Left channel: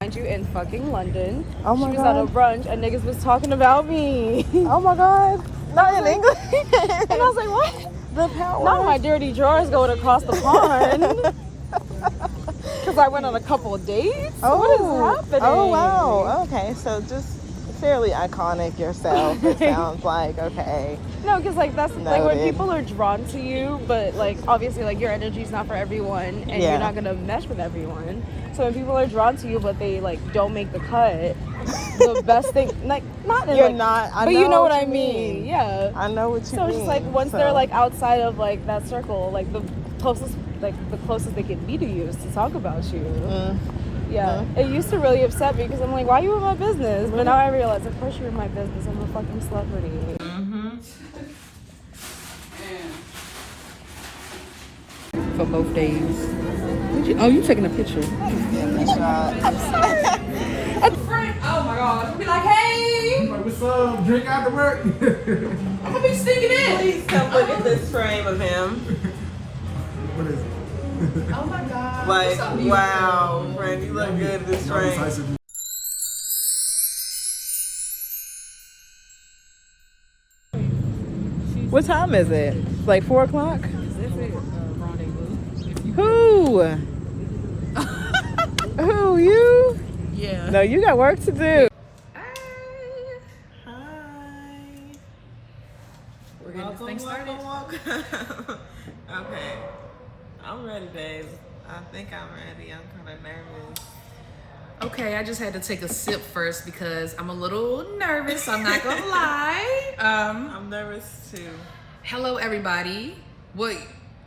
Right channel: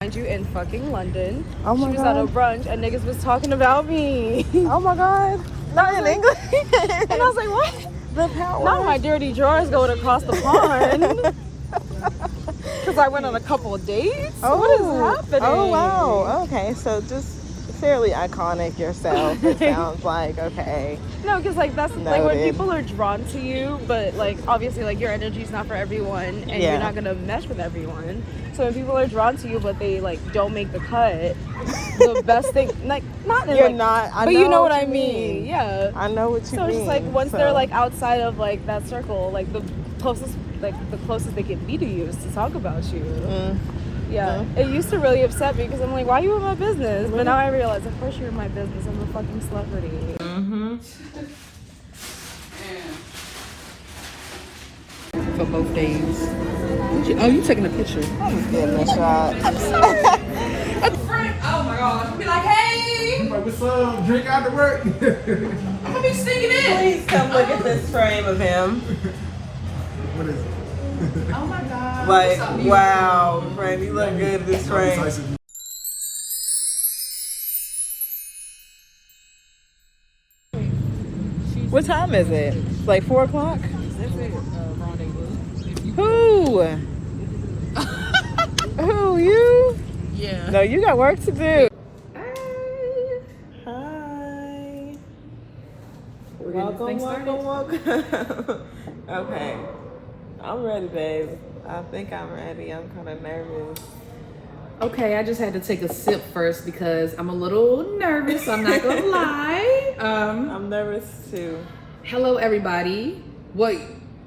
Find you in fucking London. Oh my She was at a God. brunch and niggas was talking about me. Oh my God. Not in English. And I was like, what? The power. Not my dirty drawers going across the pond. Because I went on a couple of dates. Oh, what is happening? Oh, wow. Okay, so just fairly iconic yourself, it sounds like. Okay. No, because like that's Noted. like when people are drawn to you, but like obviously like your energy is not for everyone, and you're not gonna mesh with everyone. So when people are drawn to you, but they like don't make the cut, the best thing like not in, You're like, not. I but know you know what I you mean. Yeah. I know what you So mean. it's just like once so. they're like outside of like that circle, like the closest they can be to you is to talk about you. Yeah, it used to really upset me because I'm like, why are you in my business? But now I realize, of course you're in my business. I'm a fucking celebrity. For both days. You taking a picture? Yeah, that's right. Oh my God! Be like, hey, What's up? Drink after work. I'm gonna be sticking in. Please come look at this frame of him. What is it? Oh my God! Like, wow, friend, you look good in this frame. What time is it? It's like 4 o'clock? Who? Who, you? Yeah. No, you got work to do. Hi. Welcome. Okay. I'm ready, babe. I think I'm ready. I'm kind of nervous. Okay, I just had to take a sip first because I'm a little nervous. I'm not gonna lie. I'm nervous too. Hello, everybody. What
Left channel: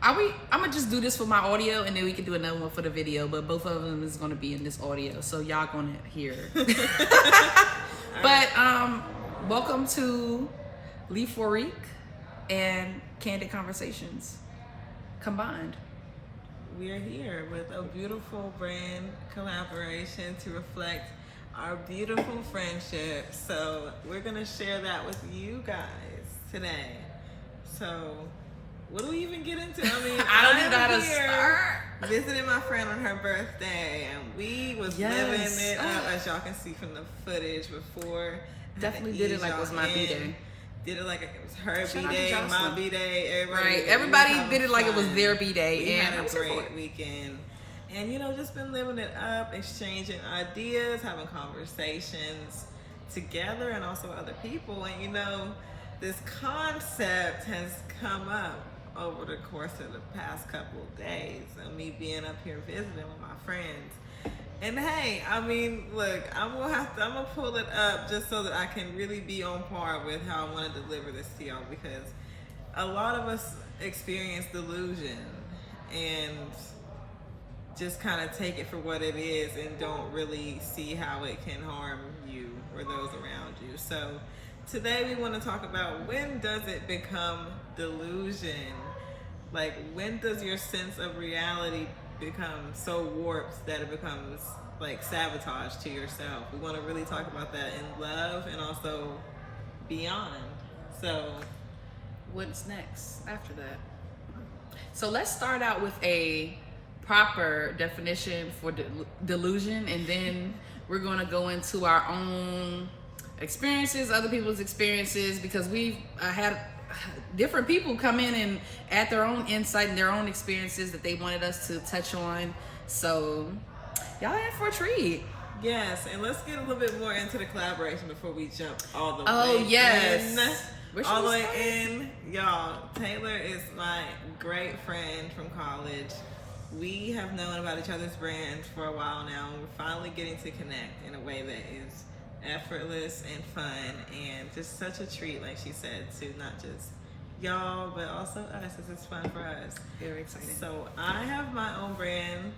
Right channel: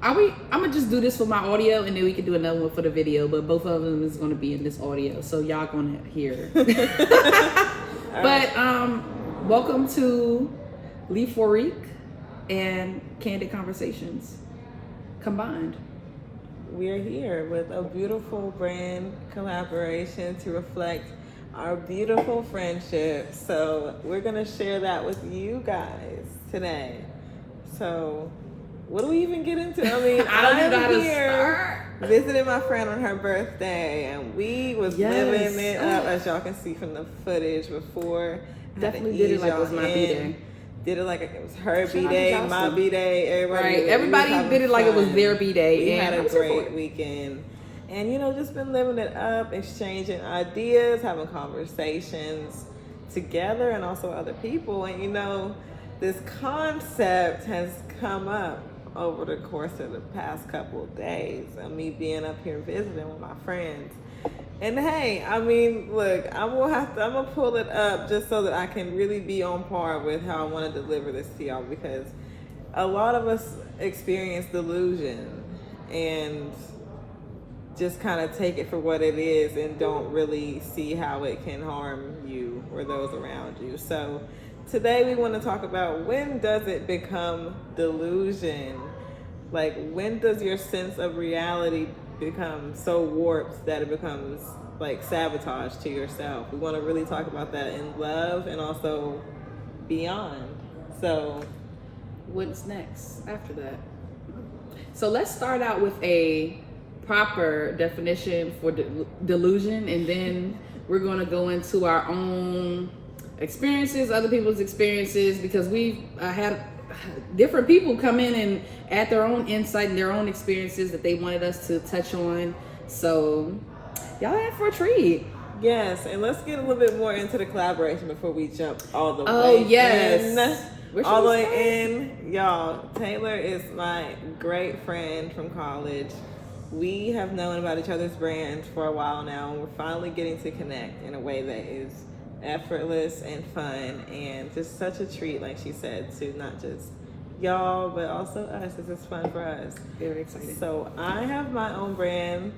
are we? I'm gonna just do this for my audio, and then we can do another one for the video. But both of them is gonna be in this audio, so y'all gonna hear. But welcome to Lee Fourique and Candid Conversations combined. We're here with a beautiful brand collaboration to reflect our beautiful friendship. So we're gonna share that with you guys today. So what do we even get into? I mean, I'm here visiting my friend on her birthday, and we was living it up, as y'all can see from the footage before. Definitely did it like it was my B-Day. Did it like it was her B-Day, my B-Day, everybody. Right, everybody did it like it was their B-Day. We had a great weekend. And, you know, just been living it up, exchanging ideas, having conversations together and also other people. And, you know, this concept has come up over the course of the past couple of days of me being up here visiting with my friends. And hey, I mean, look, I'm gonna pull it up just so that I can really be on par with how I want to deliver this to y'all, because a lot of us experience delusion and just kind of take it for what it is and don't really see how it can harm you or those around you. So today we want to talk about, when does it become delusion? Like, when does your sense of reality become so warped that it becomes like sabotage to yourself? We want to really talk about that in love and also beyond. So What's next after that? So let's start out with a proper definition for delusion, and then we're going to go into our own experiences, other people's experiences, because we've had different people come in and add their own insight and their own experiences that they wanted us to touch on. So y'all in for a treat. yes, and let's get a little bit more into the collaboration before we jump all the way yes. in. All the way in. Y'all, Taylor is my great friend from college. We have known about each other's brands for a while now, and we're finally getting to connect in a way that is effortless and fun, and just such a treat, like she said, to not just y'all but also us. This is fun for us. Very exciting. So I have my own brand,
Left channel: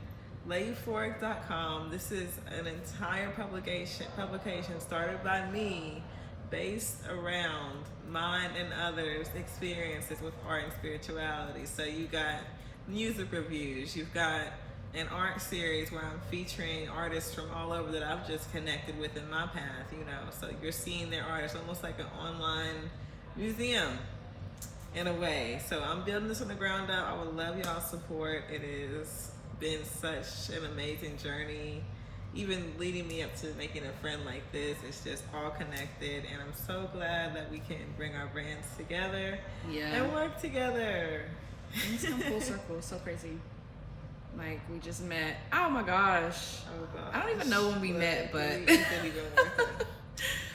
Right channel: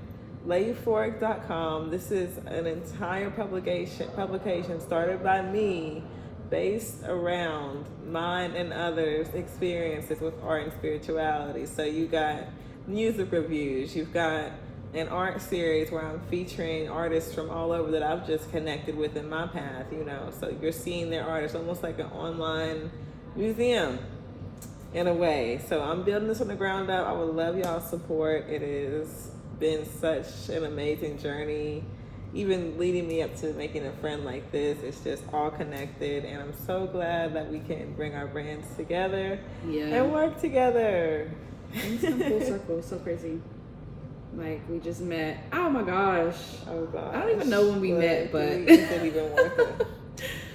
layeuphoric.com. This is an entire publication started by me, based around mine and others' experiences with art and spirituality. So you got music reviews, you've got an art series where I'm featuring artists from all over that I've just connected with in my path, you know. So you're seeing their artists, almost like an online museum in a way. So I'm building this from the ground up. I would love y'all's support. It has been such an amazing journey, even leading me up to making a friend like this. It's just all connected, and I'm so glad that we can bring our brands together and work together. It's come full circle. It's so crazy. Like, we just met. Oh my gosh. Oh gosh. I don't even know when we met, but it didn't even worth it.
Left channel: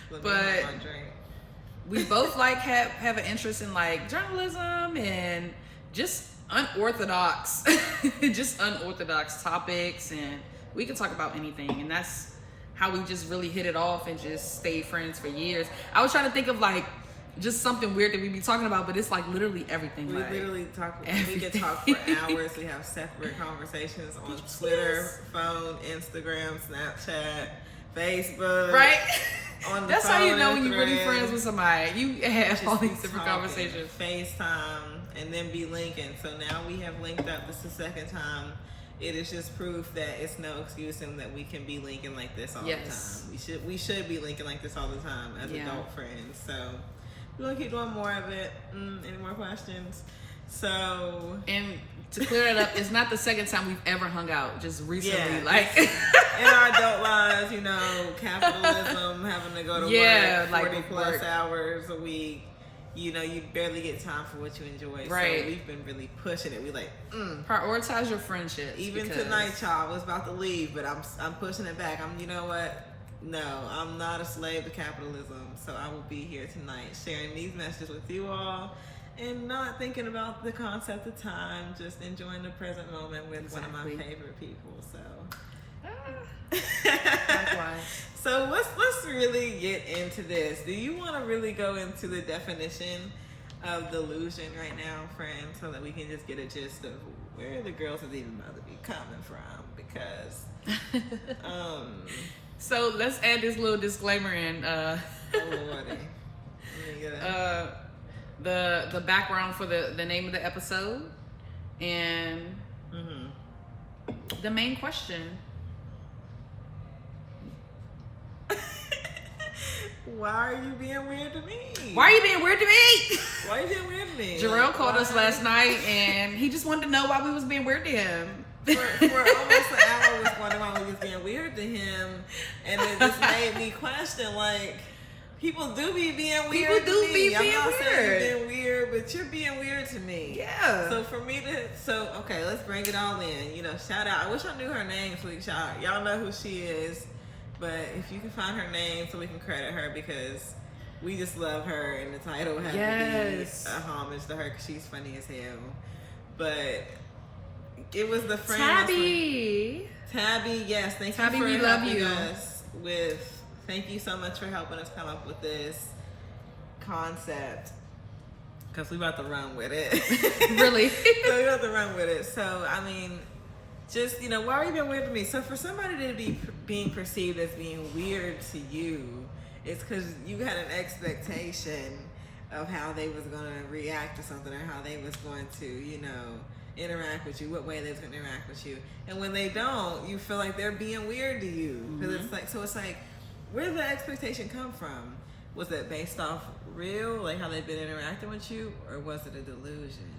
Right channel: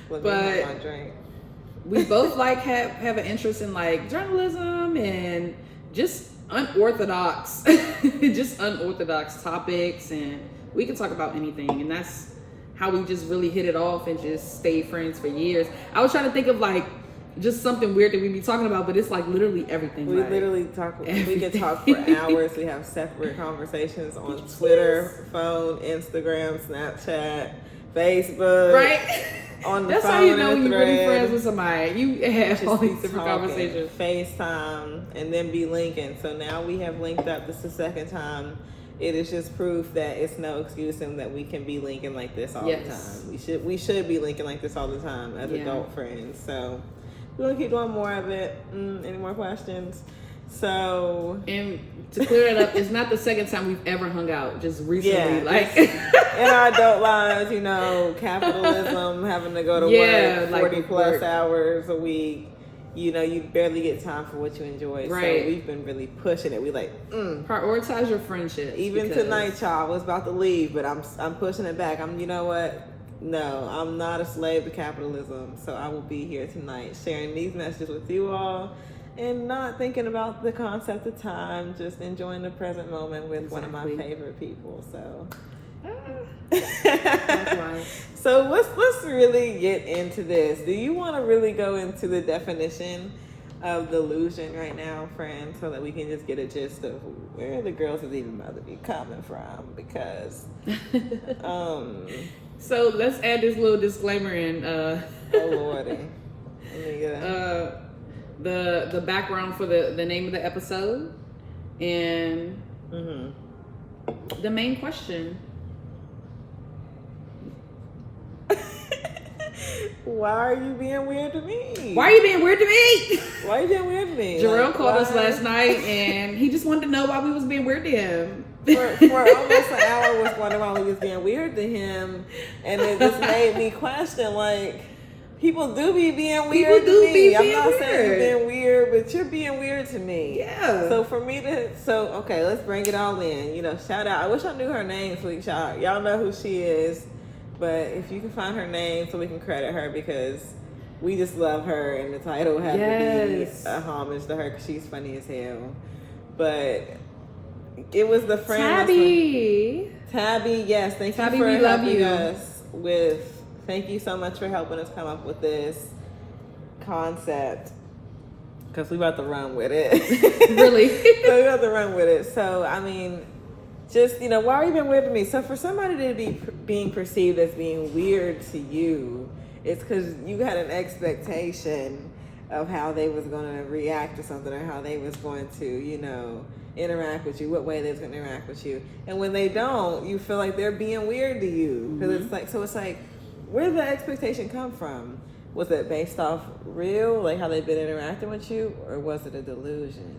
Let me have my drink. We both like have an interest in like journalism and just unorthodox topics, and we can talk about anything, and that's how we just really hit it off and just stayed friends for years. I was trying to think of like just something weird that we be talking about, but it's like literally everything. We like, literally talk. We can talk for hours. We have separate conversations on Twitter, phone, Instagram, Snapchat, Facebook. Right. On the That's phone, how you know when you're really thread. friends with somebody. You have all these different Talking, conversations. FaceTime, and then be linking. So now we have linked up. This is the second time. It is just proof that it's no excuse and that we can be linking like this all the time. We should be linking like this all the time as adult friends. So we're gonna keep doing more of it. Any more questions? So, and to clear that up, it's not the second time we've ever hung out. Just recently, like in our adult lives, you know, capitalism, having to go to work 40 plus hours a week. You know, you barely get time for what you enjoy. Right. So we've been really pushing it. We like prioritize your friendships. Even tonight, y'all, I was about to leave, but I'm pushing it back. You know what? No, I'm not a slave to capitalism. So I will be here tonight sharing these messages with you all and not thinking about the concept of time, just enjoying the present moment with one of my favorite people. So so let's really get into this. Do you want to really go into the definition of delusion right now, friends, so that we can just get a gist of where the girls is even about to be coming from? Because so let's add this little disclaimer in. Oh lordy. Let me get the background for the name of the episode and the main question. Why are you being weird to me? Why are you being weird to me? Why are you being weird to me? Jarrell called us last night and he just wanted to know why we was being weird to him. For almost an hour I was wondering why we was being weird to him, and it just made me question, like, people do be being weird to me. I'm not saying you're being weird, but you're being weird to me. Yeah. So for me okay, let's bring it all in. You know, shout out. I wish I knew her name so we can shout out. Y'all know who she is. But if you can find her name so we can credit her, because we just love her, and the title had to be a homage to her because she's funny as hell. But it was the friend. Tabby, yes. Thank you for helping us with. Thank you so much for helping us come up with this concept, because we about to run with it. Really? So we about to run with it. So I mean, just, you know, why are you being weird to me? So for somebody to be being perceived as being weird to you, it's because you had an expectation of how they was going to react to something, or how they was going to, you know, interact with you, what way they was going to interact with you. And when they don't, you feel like they're being weird to you. Because it's like, where did the expectation come from? Was it based off real, like how they've been interacting with you, or was it a delusion?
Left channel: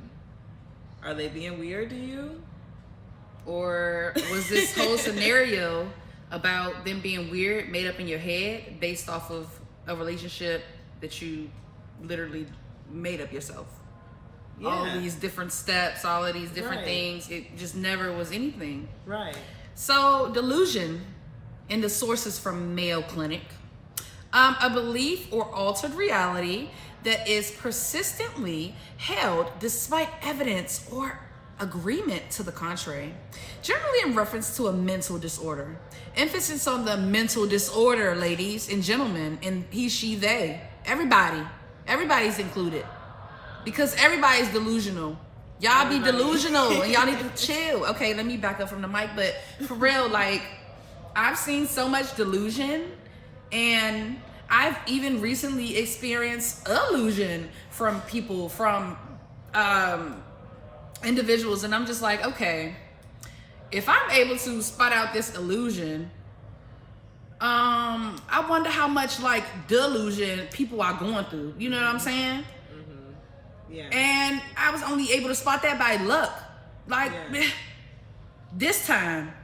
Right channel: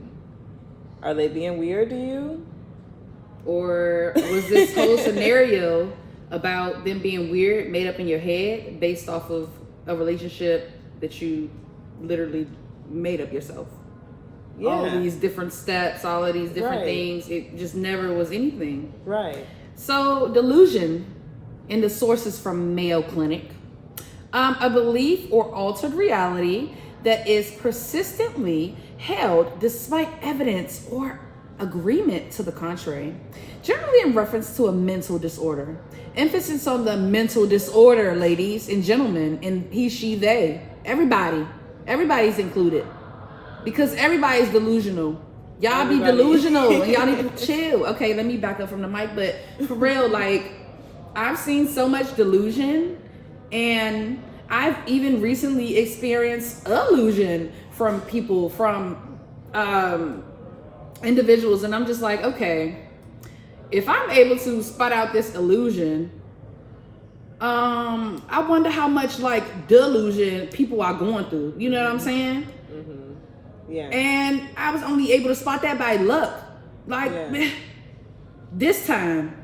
Are they being weird to you? Or was this whole scenario about them being weird made up in your head based off of a relationship that you literally made up yourself? Yeah. All these different steps, all of these different things, it just never was anything. Right. So delusion, in the sources from Mayo Clinic, a belief or altered reality that is persistently held despite evidence or agreement to the contrary, generally in reference to a mental disorder. Emphasis on the mental disorder, ladies and gentlemen, and he, she, they, everybody's included, because everybody's delusional. Y'all be delusional and y'all need to chill. Okay, let me back up from the mic, but for real, like, I've seen so much delusion, and I've even recently experienced illusion from people, from individuals, and I'm just like, okay, if I'm able to spot out this illusion, I wonder how much like delusion people are going through. You know what I'm saying? Yeah. And I was only able to spot that by luck. Like, this time,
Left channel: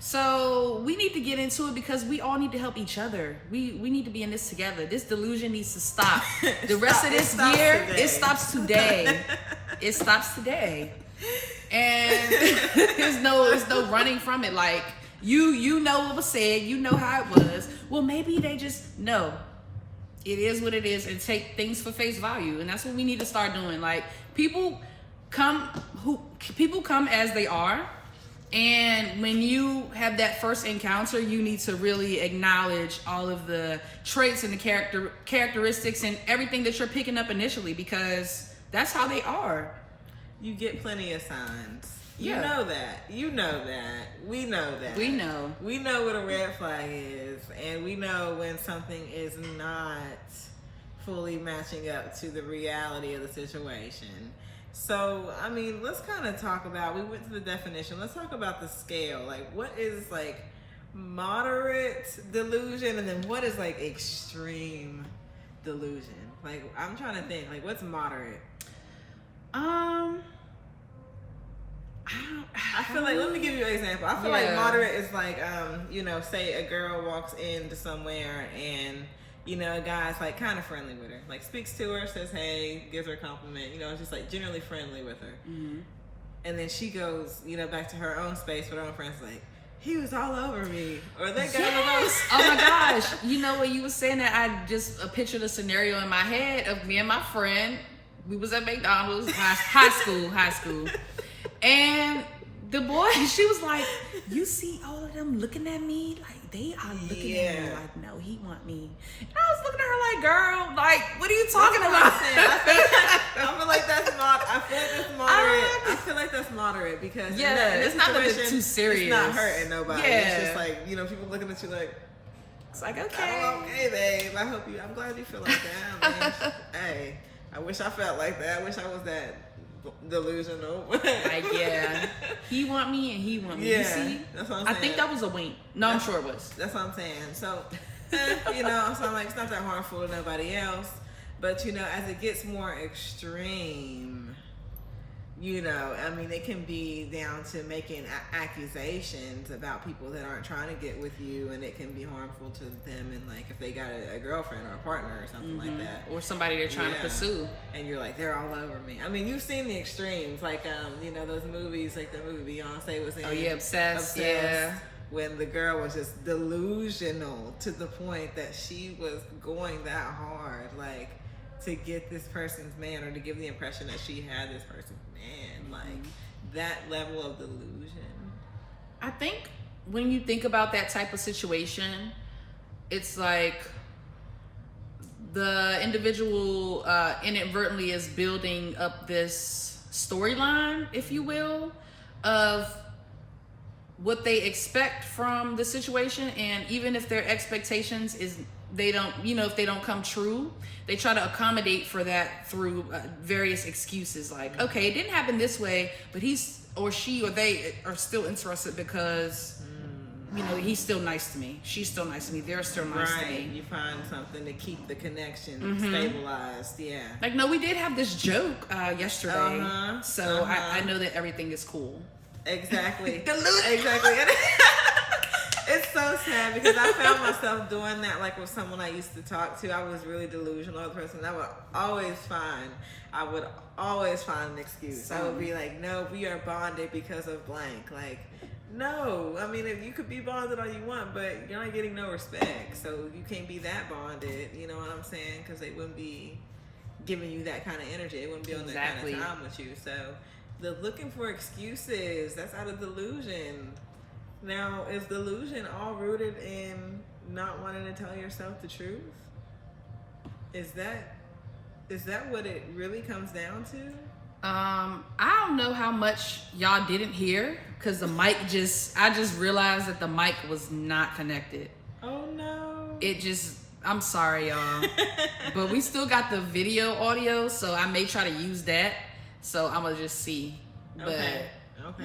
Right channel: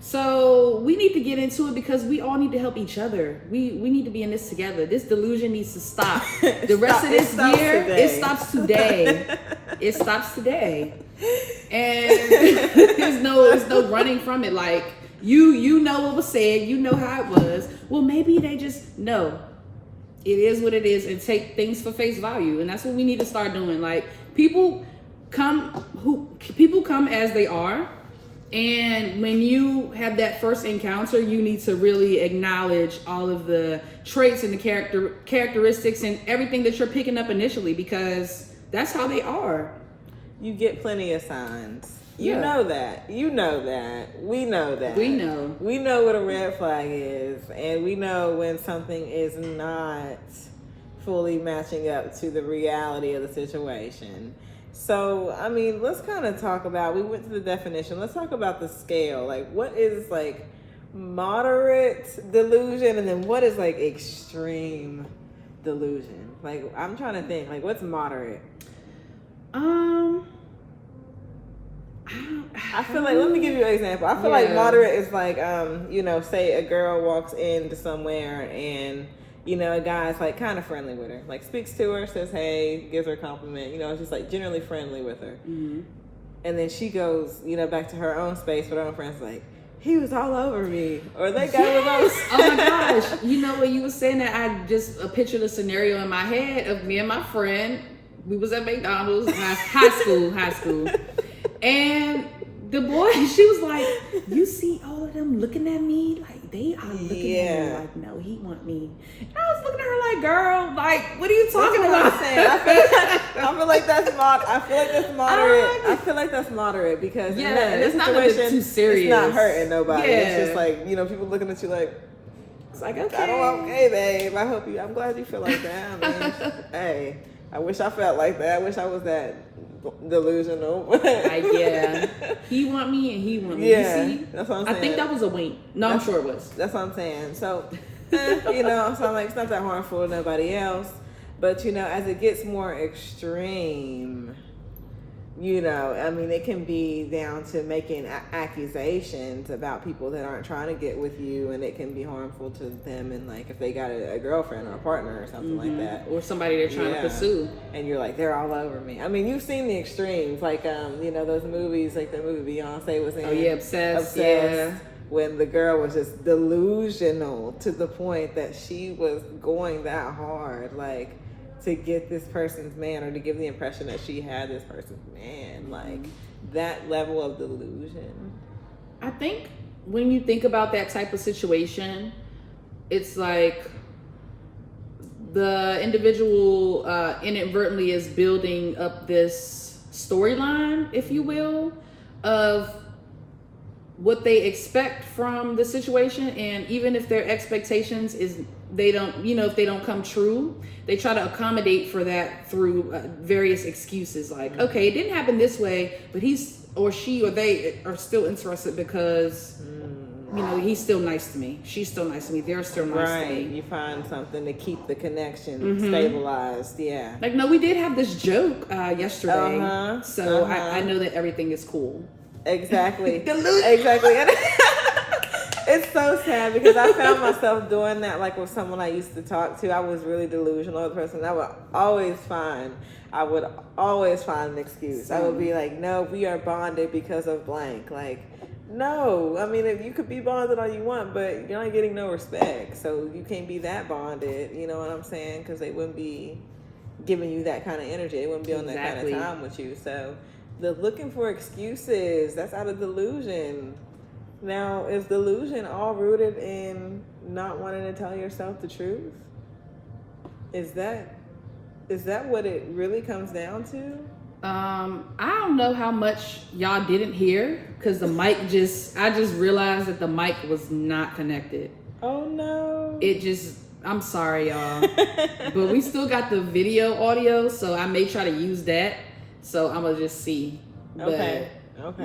So we need to get into it because we all need to help each other. We need to be in this together. This delusion needs to stop. The rest of this year, it stops today. It stops today. And there's no running from it. Like you know what was said, you know how it was. Well, maybe they just know. It is what it is and take things for face value. And that's what we need to start doing. Like people come as they are. And when you have that first encounter, you need to really acknowledge all of the traits and the characteristics and everything that you're picking up initially, because that's how they are. You get plenty of signs. Yeah. You know that. You know that. We know that. We know. We know what a red flag is, and we know when something is not fully matching up to the reality of the situation. So, I mean, let's kind of talk about, we went to the definition, let's talk about the scale. Like, what is, like, moderate delusion, and then what is, like, extreme delusion? Like, I'm trying to think, like, what's moderate? I feel like, let me give you an example. I feel like moderate is like, you know, say a girl walks into somewhere and, you know, a guy's like kind of friendly with her, like speaks to her, says hey, gives her a compliment, you know, it's just like generally friendly with her. Mm-hmm. And then she goes, you know, back to her own space with her own friends, like, he was all over me, or that guy was all. Oh my gosh! You know what you were saying that I just pictured a scenario in my head of me and my friend. We was at McDonald's, high school, and the boy, she was like, you see all of them looking at me? Like, they are looking at me like, no, he want me. And I was looking at her like, girl, like, what are you talking about? I feel like that's moderate. I feel like that's moderate because it's not nothing too serious. It's not hurting nobody. Yeah. It's just like, you know, people looking at you like, it's like, okay. Okay, babe. I'm glad you feel like that. I mean, hey, I wish I felt like that. I wish I was that delusional. Like, yeah, he want me and he want me. Yeah, you see? That's what I'm saying. I think that was a wink. No, I'm sure it was. That's what I'm saying. So, you know, so I'm like, it's not that harmful to nobody else. But, you know, as it gets more extreme, you know, I mean, it can be down to making accusations about people that aren't trying to get with you, and it can be harmful to them. And like, if they got a girlfriend or a partner or something like that, or somebody they're trying to pursue, and you're like, they're all over me. I mean, you've seen the extremes, like you know, those movies, like the movie Beyonce was in. Oh yeah, Obsessed. Yeah. When the girl was just delusional to the point that she was going that hard, like, to get this person's man, or to give the impression that she had this person's man, like that level of delusion. I think when you think about that type of situation, it's like the individual inadvertently is building up this storyline, if you will, of what they expect from the situation. And even if their expectations is they don't, you know, if they don't come true, they try to accommodate for that through various excuses, like, okay, it didn't happen this way, but he's or she or they are still interested because you know, he's still nice to me, she's still nice to me, they're still nice to me. You find something to keep the connection stabilized. Yeah, like, no, we did have this joke yesterday, so I know that everything is cool. Exactly. Exactly. It's so sad because I found myself doing that, like with someone I used to talk to. I was really delusional with the person. I would always find an excuse. I would be like, no, we are bonded because of blank. Like, no, I mean, you could be bonded all you want, but you're not getting no respect. So you can't be that bonded, you know what I'm saying? Because they wouldn't be giving you that kind of energy. They wouldn't be on that kind of time with you. So the looking for excuses, that's out of delusion. Now, is delusion all rooted in not wanting to tell yourself the truth? Is that what it really comes down to? I don't know how much y'all didn't hear because the mic I just realized that the mic was not connected. Oh no. I'm sorry, y'all. But we still got the video audio, so I may try to use that. So I'm gonna just see. Okay.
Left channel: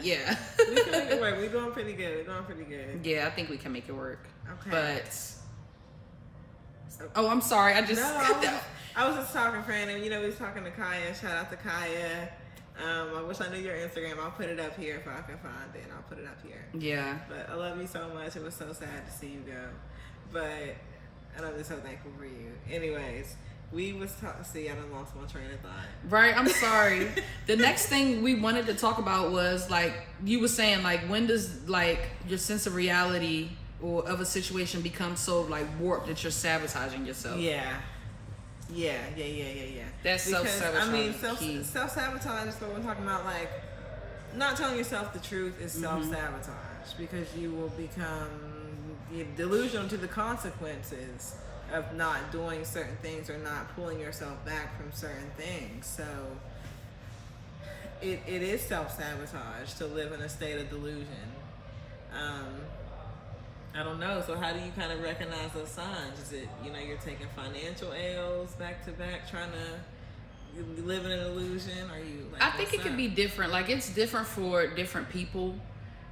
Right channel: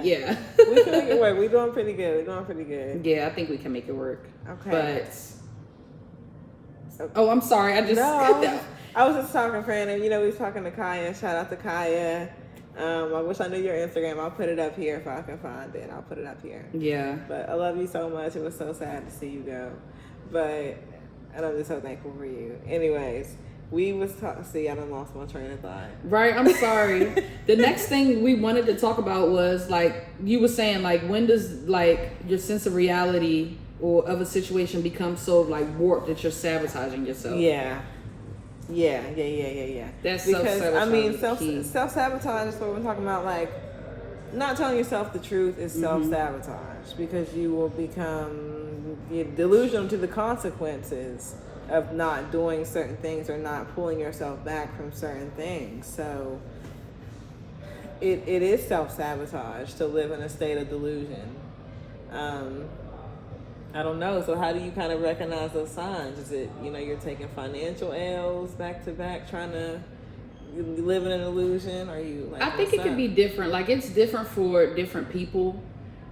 Yeah. We can make it work. We're doing pretty good. Yeah, I think we can make it work. Okay. But I'm sorry. I was just talking, friend, and you know, we was talking to Kaya. Shout out to Kaya. I wish I knew your Instagram. I'll put it up here if I can find it. I'll put it up here. Yeah. But I love you so much. It was so sad to see you go. But I'm just so thankful for you. Anyways, we was talking. See, I done lost my train of thought. Right, I'm sorry. The next thing we wanted to talk about was, like, you were saying, like, when does, like, your sense of reality or of a situation become so, like, warped that you're sabotaging yourself? Yeah. That's because self-sabotage. I mean, self-sabotage is what we're talking about. Like, not telling yourself the truth is self-sabotage, because you will become delusional to the consequences of not doing certain things or not pulling yourself back from certain things. So it is self-sabotage to live in a state of delusion. I don't know. So how do you kind of recognize those signs? Is it, you're taking financial L's back to back, trying to live in an illusion? Are you like, I think it could be different. Like, it's different for different people.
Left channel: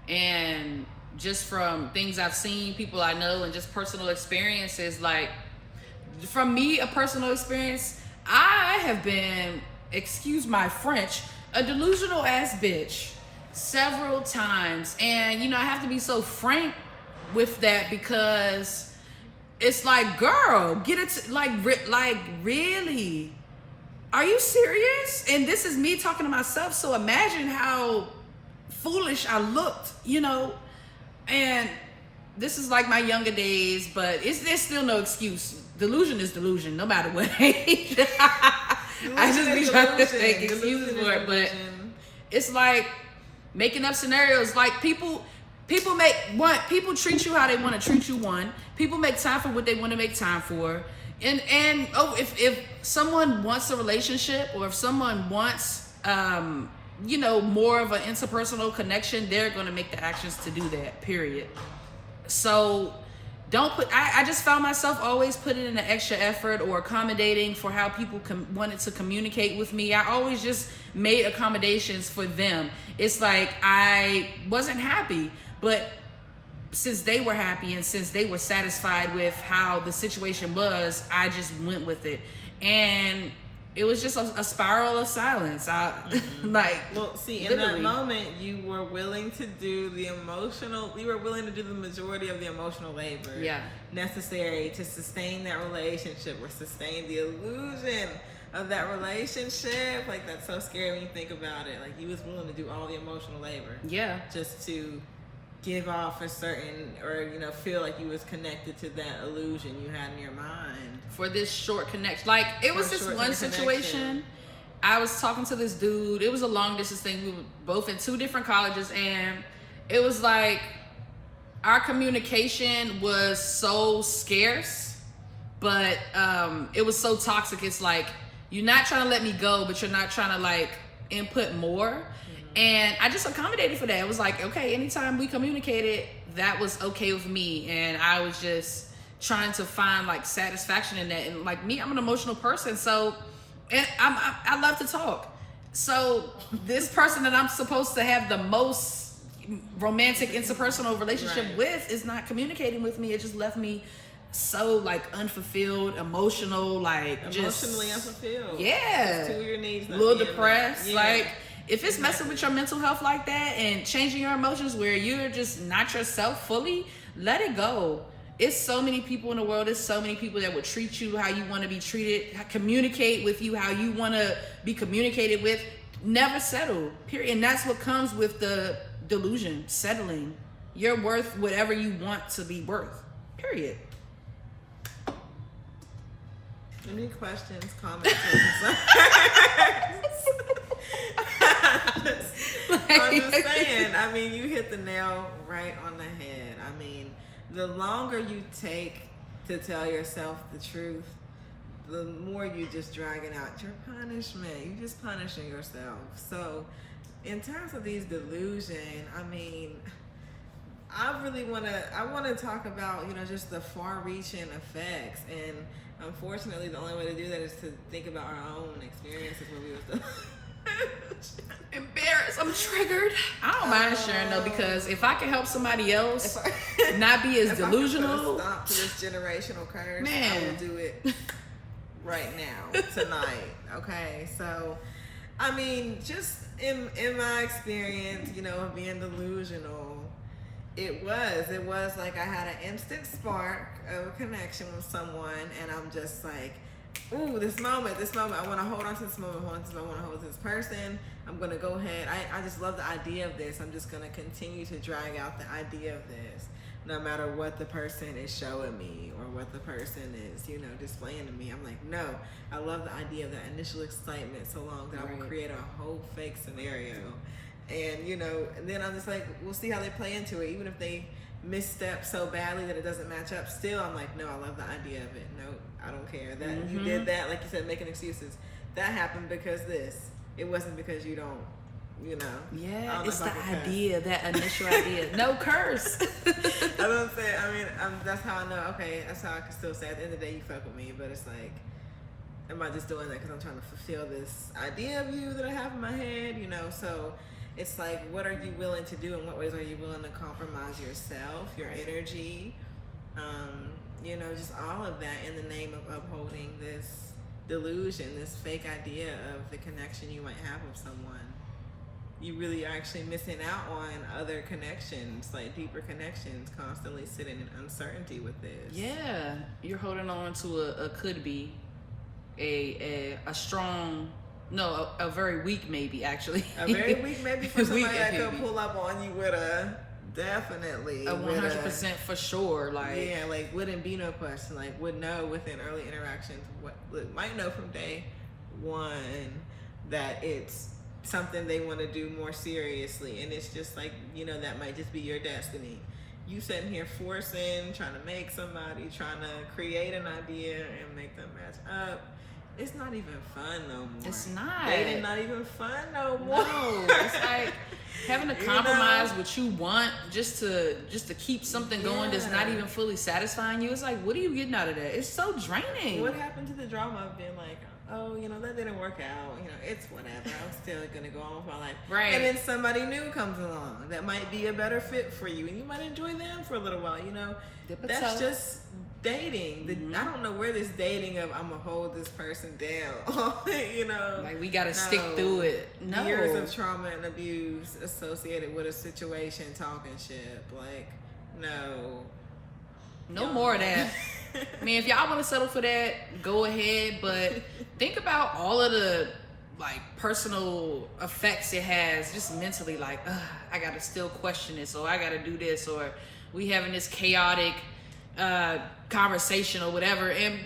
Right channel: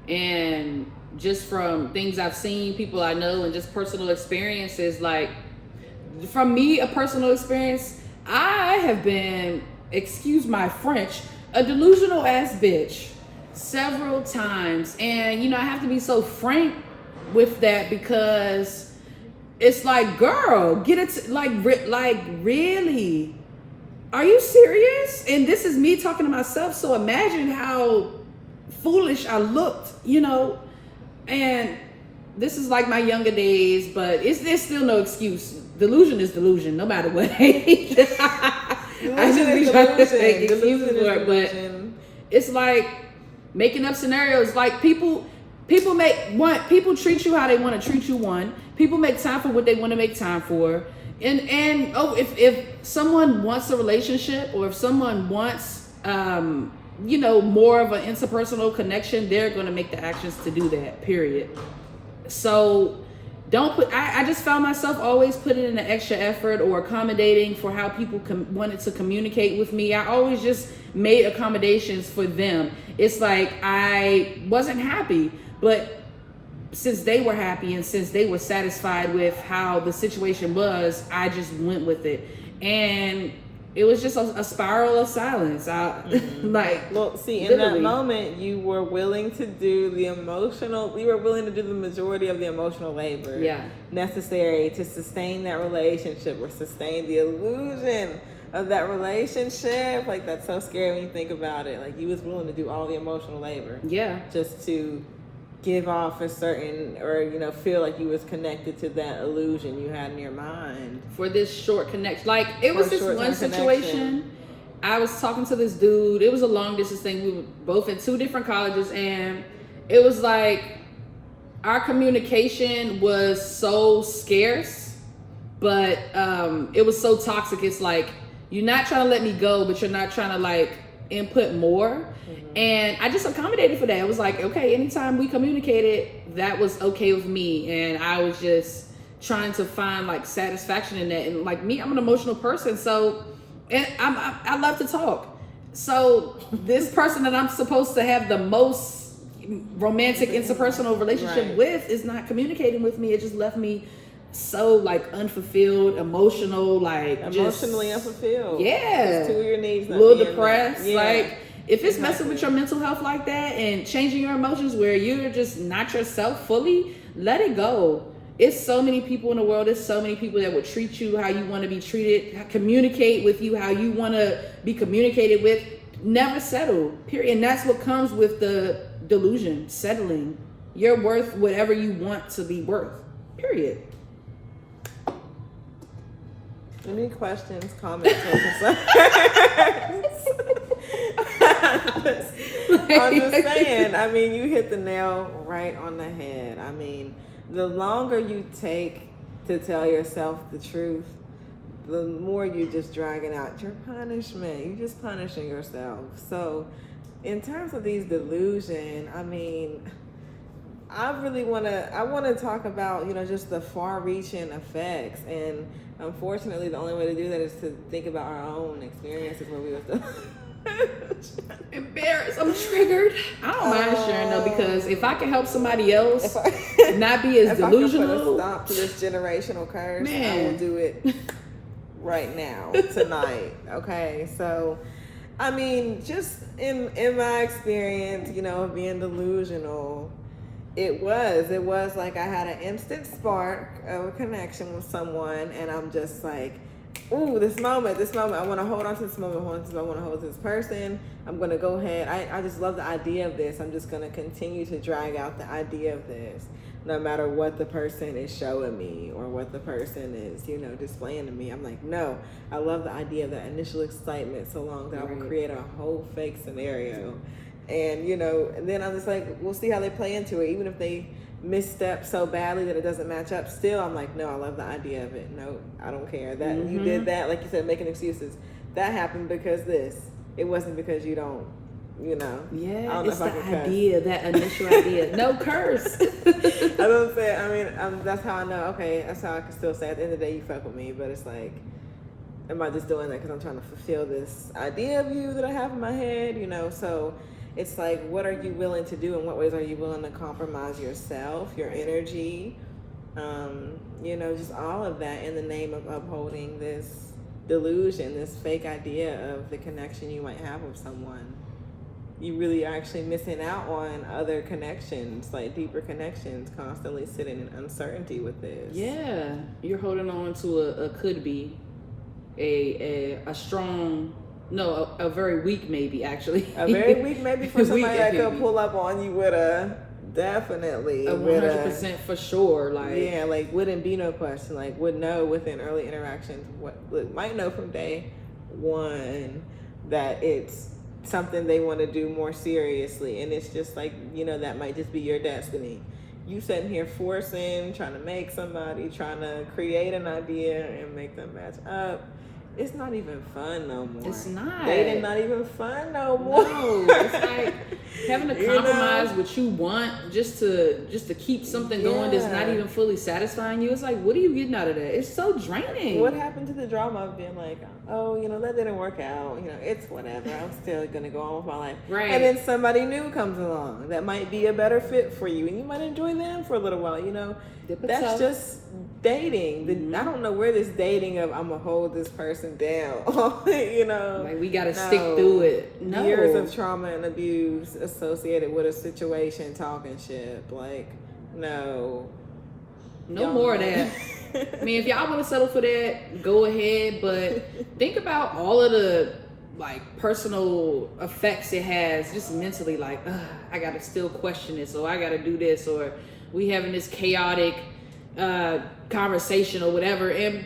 And just from things I've seen, people I know, and just personal experiences, like, from me, a personal experience, I have been, excuse my French, a delusional ass bitch several times. And, I have to be so frank with that, because it's like, girl, get it, like really? Are you serious? And this is me talking to myself, so imagine how foolish I looked, and this is like my younger days, but there's still no excuse. Delusion is delusion, no matter what age. I just be trying to make excuses for it, but it's like making up scenarios. Like, people treat you how they want to treat you. People make time for what they want to make time for. And if someone wants a relationship, or if someone wants more of an interpersonal connection, they're going to make the actions to do that, period. So I just found myself always putting in an extra effort or accommodating for how people wanted to communicate with me. I always just made accommodations for them. It's like I wasn't happy, but since they were happy and since they were satisfied with how the situation was, I just went with it. And it was just a spiral of silence. In that moment, you were willing to do the majority of the emotional labor necessary to sustain that relationship, or sustain the illusion of that relationship. Like, that's so scary when you think about it. Like, you was willing to do all the emotional labor. Yeah. Just to give off a certain, or feel like you was connected to that illusion you had in your mind for this short connection. Like, it was this one situation. I was talking to this dude. It was a long distance thing. We were both in 2 different colleges, and it was like our communication was so scarce, but it was so toxic. It's like, you're not trying to let me go, but you're not trying to, like, input more. And I just accommodated for that. It was like, okay, anytime we communicated, that was okay with me. And I was just trying to find, like, satisfaction in that. And, like, me, I'm an emotional person, so, and I love to talk. So this person that I'm supposed to have the most romantic interpersonal relationship with is not communicating with me. It just left me so, like, unfulfilled, emotional, like, emotionally unfulfilled. Yeah. Just 2 of your needs. A little depressed. Like, if it's messing with your mental health like that and changing your emotions where you're just not yourself fully, let it go. It's so many people in the world. There's so many people that would treat you how you want to be treated, communicate with you how you want to be communicated with. Never settle, period. And that's what comes with the delusion, settling. You're worth whatever you want to be worth, period. Any questions, comments, or concerns? I'm just saying, I mean, you hit the nail right on the head. I mean, the longer you take to tell yourself the truth, the more you just dragging out your punishment. You're just punishing yourself. So in terms of these delusion, I mean, I want to talk about, just the far-reaching effects. And unfortunately, the only way to do that is to think about our own experiences where we were still embarrassed. I'm triggered. I don't mind sharing though, because if I can help somebody else not be as delusional, I can put a stop to this generational curse, I will do it right now, tonight. Okay, so I mean, just in my experience, you know, of being delusional, it was like I had an instant spark of a connection with someone, and I'm just like, ooh, this moment, I want to hold on to this moment, I want to hold to this person. I'm going to go ahead. I just love the idea of this. I'm just going to continue to drag out the idea of this, no matter what the person is showing me or what the person is, you know, displaying to me. I'm like, no, I love the idea of that initial excitement so long that I will create a whole fake scenario. And, you know, and then I'm just like, we'll see how they play into it. Even if they misstep so badly that it doesn't match up, still I'm like, no, I love the idea of it. No, I don't care that you did that, like you said, making excuses. That happened because this. It wasn't because you don't, you know. Yeah, it's the idea, that initial idea. No curse. I don't say, I mean, that's how I know, okay, that's how I can still say at the end of the day you fuck with me, but it's like, am I just doing that because I'm trying to fulfill this idea of you that I have in my head, you know? So it's like, what are you willing to do? In what ways are you willing to compromise yourself, your energy, you know, just all of that in the name of upholding this delusion, this fake idea of the connection you might have with someone. You really are actually missing out on other connections, like deeper connections, constantly sitting in uncertainty with this. Yeah, you're holding on to a could be, a strong, no, a very weak maybe, actually. A very weak maybe for somebody that could pull up on you with a definitely. A 100% for sure. Like, yeah, like wouldn't be no question. Like would know within early interactions, might know from day one that it's something they want to do more seriously. And it's just like, you know, that might just be your destiny. You sitting here forcing, trying to make somebody, trying to create an idea and make them match up. It's not even fun no more. It's not. Dating not even fun no more. No, it's like having to compromise what you want just to keep something going that's not even fully satisfying you. It's like, what are you getting out of that? It's so draining. What happened to the drama of being like, oh, you know, that didn't work out. You know, it's whatever. I'm still gonna go on with my life. Right. And then somebody new comes along that might be a better fit for you, and you might enjoy them for a little while. You know, that's just dating. I don't know where this dating of I'm gonna hold this person down. You know, like we gotta stick through it. No. Years of trauma and abuse associated with a situation, talking shit. Like, no more of that. I mean, if y'all want to settle for that, go ahead. But think about all of the like personal effects it has, just mentally. Like, I gotta still question this, or I gotta do this, or we having this chaotic conversation or whatever. And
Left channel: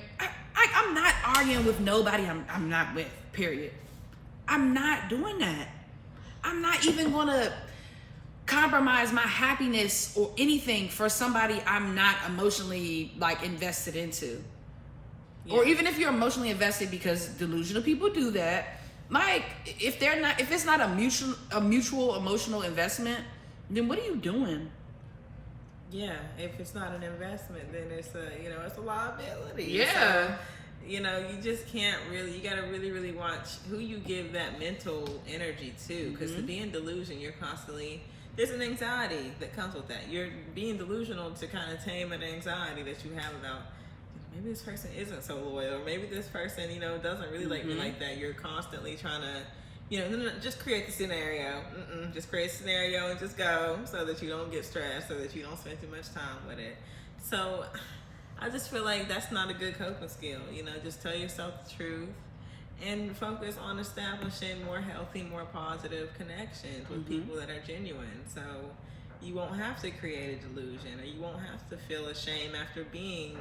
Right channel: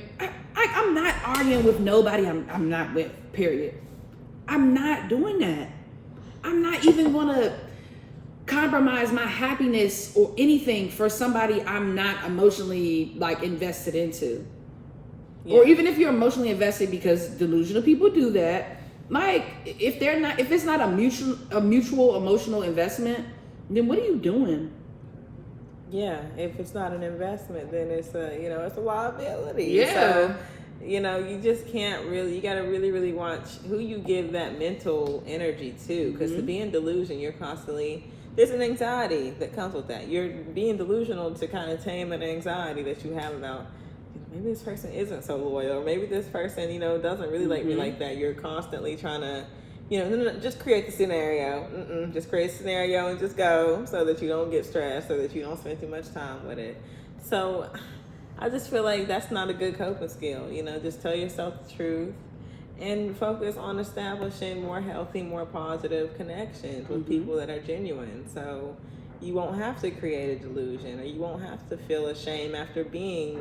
I'm not arguing with nobody. I'm not with. Period. I'm not doing that. I'm not even gonna compromise my happiness or anything for somebody I'm not emotionally like invested into. Yeah. Or even if you're emotionally invested, because delusional people do that. Like if it's not a mutual emotional investment, then what are you doing? Yeah, if it's not an investment, then it's it's a liability. Yeah. So, you know, you just can't really, you got to really, really watch who you give that mental energy to. Because to be in delusion, you're constantly, there's an anxiety that comes with that. You're being delusional to kind of tame an anxiety that you have about, maybe this person isn't so loyal, or maybe this person, you know, doesn't really like me like that. You're constantly trying to, you know, no, just create the scenario. Just create a scenario and just go, so that you don't get stressed, so that you don't spend too much time with it. So I just feel like that's not a good coping skill. You know, just tell yourself the truth and focus on establishing more healthy, more positive connections with people that are genuine. So you won't have to create a delusion, or you won't have to feel ashamed after being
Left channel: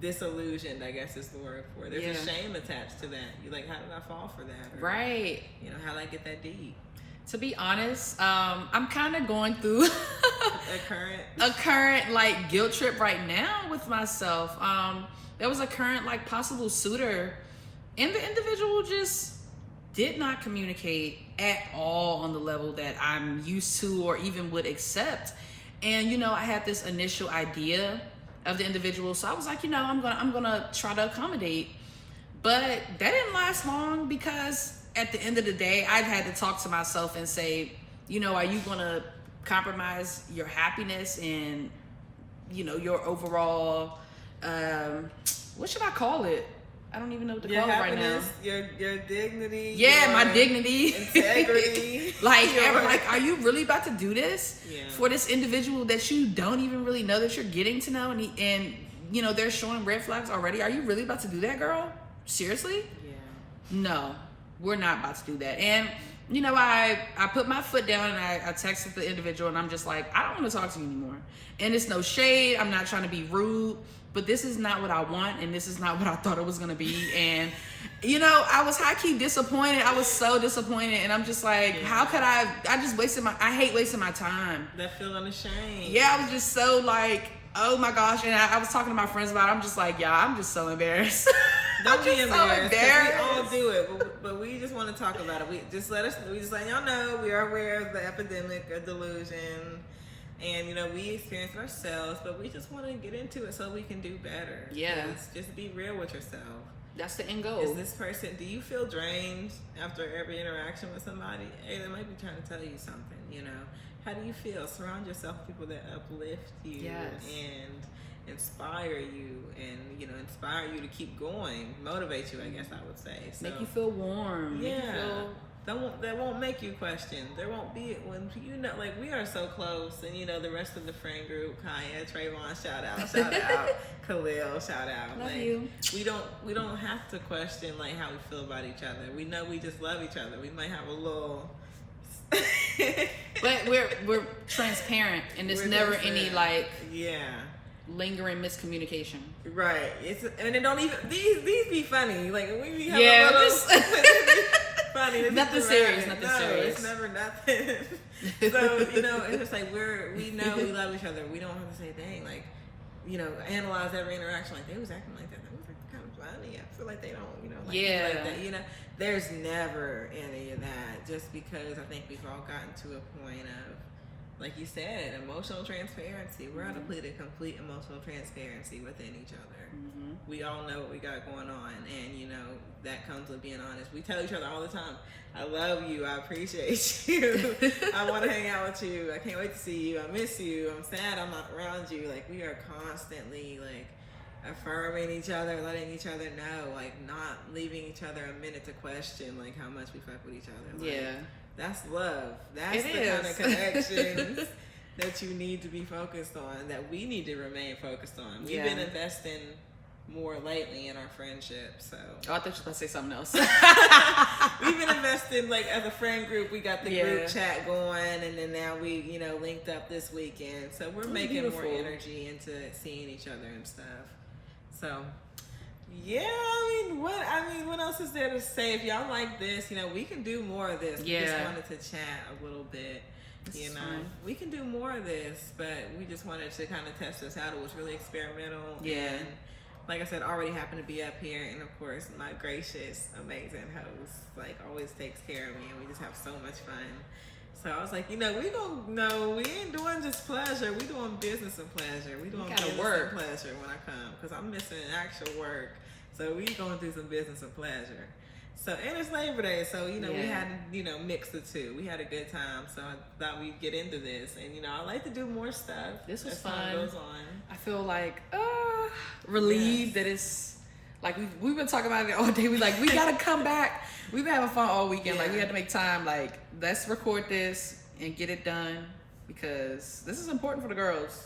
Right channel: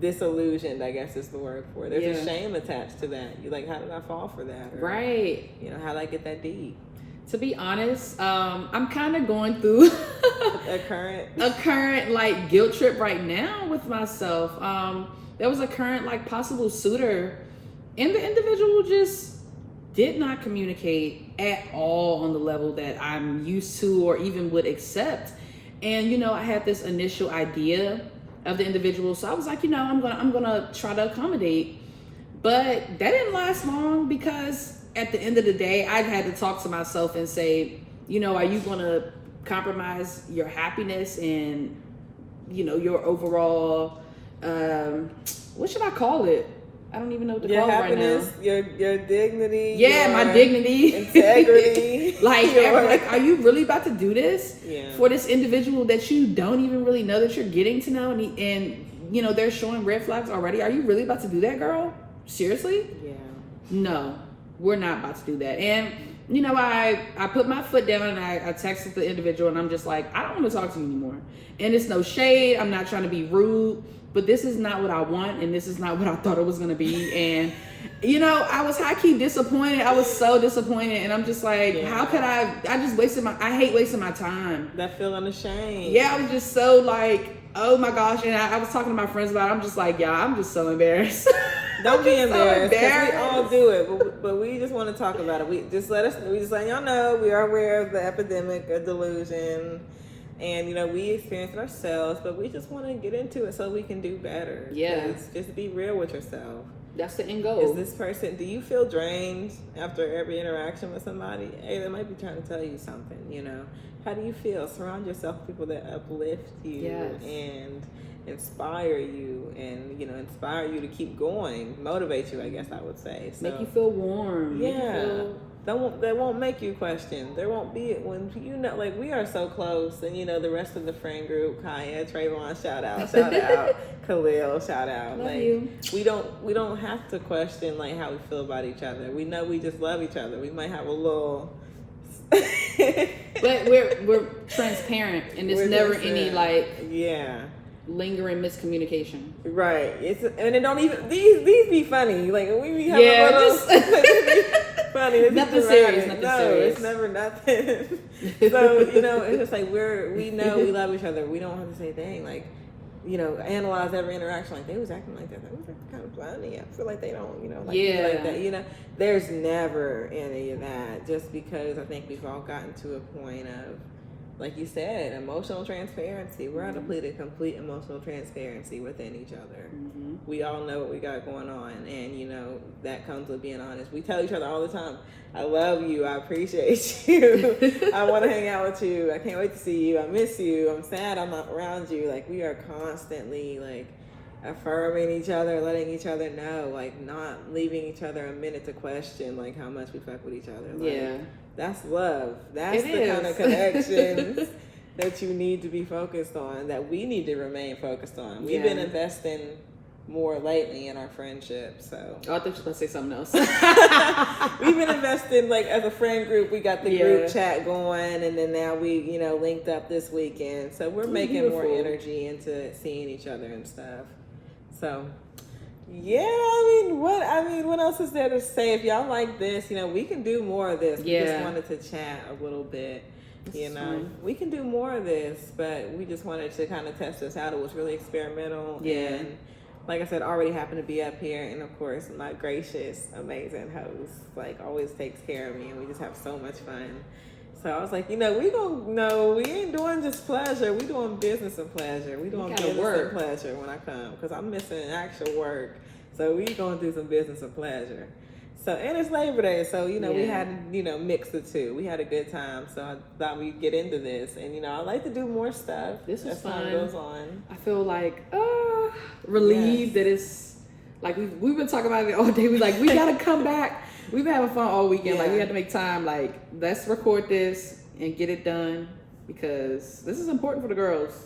disillusioned, I guess is the word for it. There's a shame attached to that. You're like, how did I fall for that? Or, right. You know, how did I get that deep? To be honest, I'm kind of going through a current like guilt trip right now with myself. There was a current like possible suitor, and the individual just did not communicate at all on the level that I'm used to or even would accept. And you know, I had this initial idea of the individual, so I was like, you know, I'm gonna try to accommodate, but that didn't last long, because at the end of the day, I've had to talk to myself and say, you know, are you gonna compromise your happiness and, you know, your overall, what should I call it? I don't even know what to your call it right now. happiness, your dignity. Yeah, your my dignity. Integrity. like, are you really about to do this Yeah. for this individual that you don't even really know that you're getting to know, and you know they're showing red flags already? Are you really about to do that, girl? Seriously? Yeah. No, we're not about to do that. And you know, I put my foot down and I texted the individual, and I'm just like, I don't want to talk to you anymore. And it's no shade. I'm not trying to be rude, but this is not what I want, and this is not what I thought it was gonna be. And you know, I was high-key disappointed. I was so disappointed, and I'm just like, how could I just wasted I hate wasting my time. That feeling of shame. Yeah, I was just so like, oh my gosh. And I was talking to my friends about it. I'm just like, yeah, I'm just so embarrassed. Don't be embarrassed. So 'Cause we all do it, but we just want to talk about it. We just let y'all know we are aware of the epidemic of delusion, and you know we experience it ourselves. But we just want to get into it so we can do better. Yeah. Just be real with yourself. That's the end goal. Is this person? Do you feel drained after every interaction with somebody? Hey, they might be trying to tell you something. You know, how do you feel? Surround yourself with people that uplift you and inspire you, and you know, inspire you to keep going, motivate you, I guess I would say. So, make you feel warm. Yeah. That won't make you question. There won't be when you know, like we are so close, and you know the rest of the friend group, Kaya, Trayvon, shout out, Khalil, shout out. Love like you. we don't have to question like how we feel about each other. We know we just love each other. We might have a little but we're transparent, and there's never any like lingering miscommunication. Right. And it don't even these be funny. Like we be having Yeah, a little just funny. It's nothing serious. Nothing serious. It's never nothing. So you know, it's just like we know we love each other. We don't have to say dang like, you know, analyze every interaction. Like they was acting like that. That was acting kind of funny. I feel like they don't, you know, like people like that. You know, there's never any of that. Just because I think we've all gotten to a point of, like you said, emotional transparency. We're at a place of complete emotional transparency within each other. Mm-hmm. We all know what we got going on, and you know that comes with being honest. We tell each other all the time, I love you, I appreciate you, I want to hang out with you, I can't wait to see you, I miss you, I'm sad I'm not around you. Like we are constantly like affirming each other, letting each other know, like not leaving each other a minute to question like how much we fuck with each other. Like, that's love. That's the kind of connection that you need to be focused on, that we need to remain focused on. We've been investing more lately in our friendship, so. Oh, I thought you were going to say something else. We've been investing, like, as a friend group, we got the group chat going, and then now we, you know, linked up this weekend. So we're making more energy into seeing each other and stuff. So, yeah, I mean, what else is there to say? If y'all like this, you know, we can do more of this. We just wanted to chat a little bit. You know, we can do more of this, but we just wanted to kind of test this out. It was really experimental. And like I said, already happened to be up here. And of course, my gracious, amazing host, like, always takes care of me. And we just have so much fun. So I was like, you know, we ain't doing just pleasure. We doing business and pleasure. We doing business and pleasure when I come, because I'm missing actual work. So we gonna do some business and pleasure. So, and it's Labor Day, so, you know, we had to, you know, mix the two. We had a good time, so I thought we'd get into this. And, you know, I like to do more stuff. This was fun. Time goes on. I feel like relieved that it's like we've been talking about it all day. We gotta come back. We've been having fun all weekend. Like we had to make time. Like, let's record this and get it done, because this is important for the girls.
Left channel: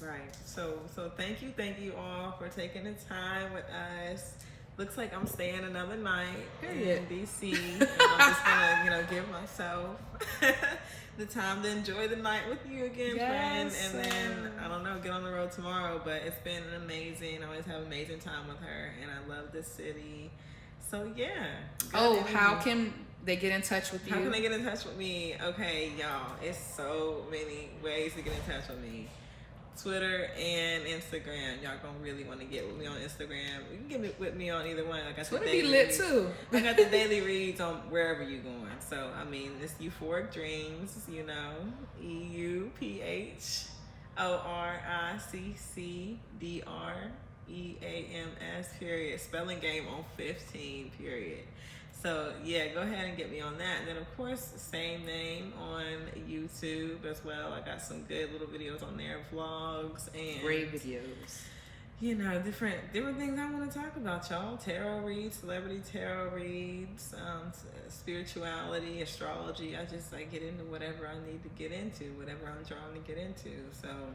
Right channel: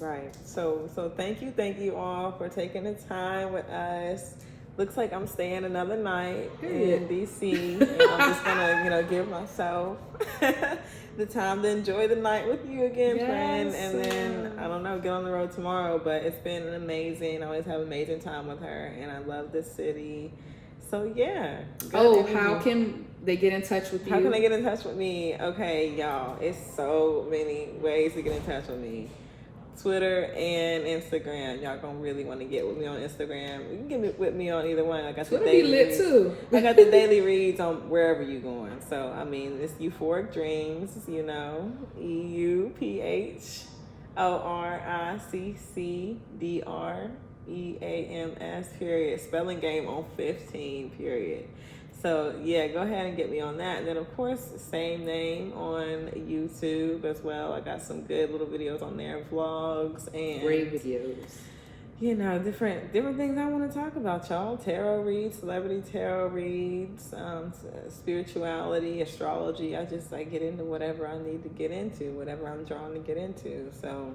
Right. So thank you all for taking the time with us. Looks like I'm staying another night in DC, and I'm just gonna, you know, give myself the time to enjoy the night with you again, friend. And then I don't know, get on the road tomorrow. But it's been amazing. I always have an amazing time with her, and I love this city. So yeah. How can they get in touch with you? How can they get in touch with me? Okay, y'all, it's so many ways to get in touch with me. Twitter and Instagram. Y'all gonna really want to get with me on Instagram. You can get with me on either one. I got Twitter the daily be lit reads. too. I got the daily reads on wherever you going. So I mean, it's Euphoric Dreams. You know, EUPHORICCDREAMS period. Spelling game on 15 period. So yeah, go ahead and get me on that. And then of course, same name on YouTube as well. I got some good little videos on there, vlogs and great videos. you know, different things I want to talk about, y'all. Tarot reads, celebrity tarot reads, spirituality, astrology. I get into whatever I need to get into, whatever I'm drawn to get into. So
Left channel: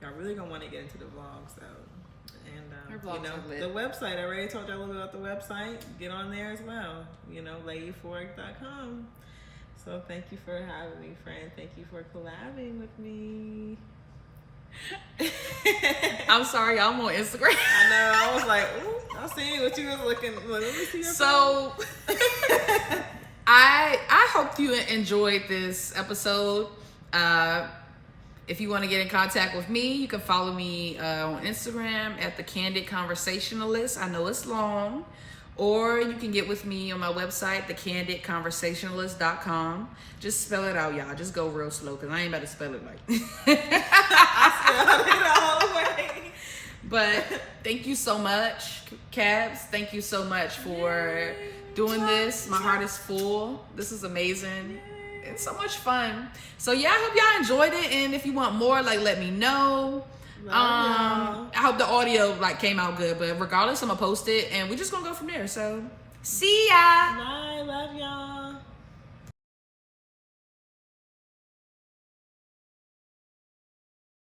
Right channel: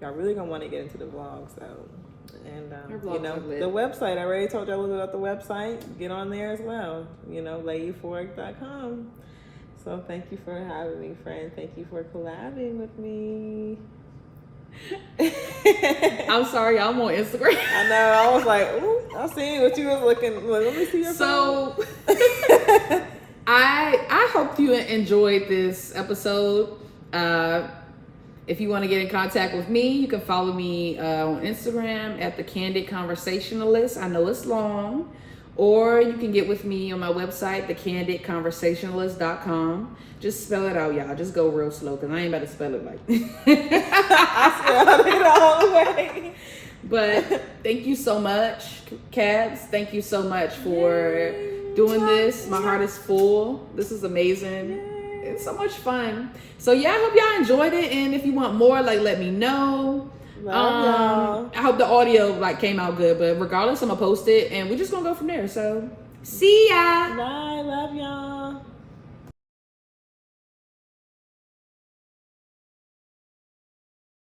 y'all really gonna want to get into the vlogs though. And you know, the website, I already told you a little bit about the website. Get on there as well, you know, layeuphoric.com. So thank you for having me, friend. Thank you for collabing with me. I'm sorry, I'm on Instagram. I know. I was like, ooh, I seen what you was looking. Let me see your So I hope you enjoyed this episode. If you want to get in contact with me, you can follow me on Instagram at the Candid Conversationalist. I know it's long. Or you can get with me on my website, thecandidconversationalist.com. Just spell it out, y'all. Just go real slow, because I ain't about to spell it like I spelled it all the way. But thank you so much, Cabs. Thank you so much for doing this. My heart is full. This is amazing. It's so much fun. So yeah, I hope y'all enjoyed it. And if you want more, let me know. Love y'all. I hope the audio came out good, but regardless, I'm gonna post it and we're just gonna go from there. So see ya. Bye. Love y'all.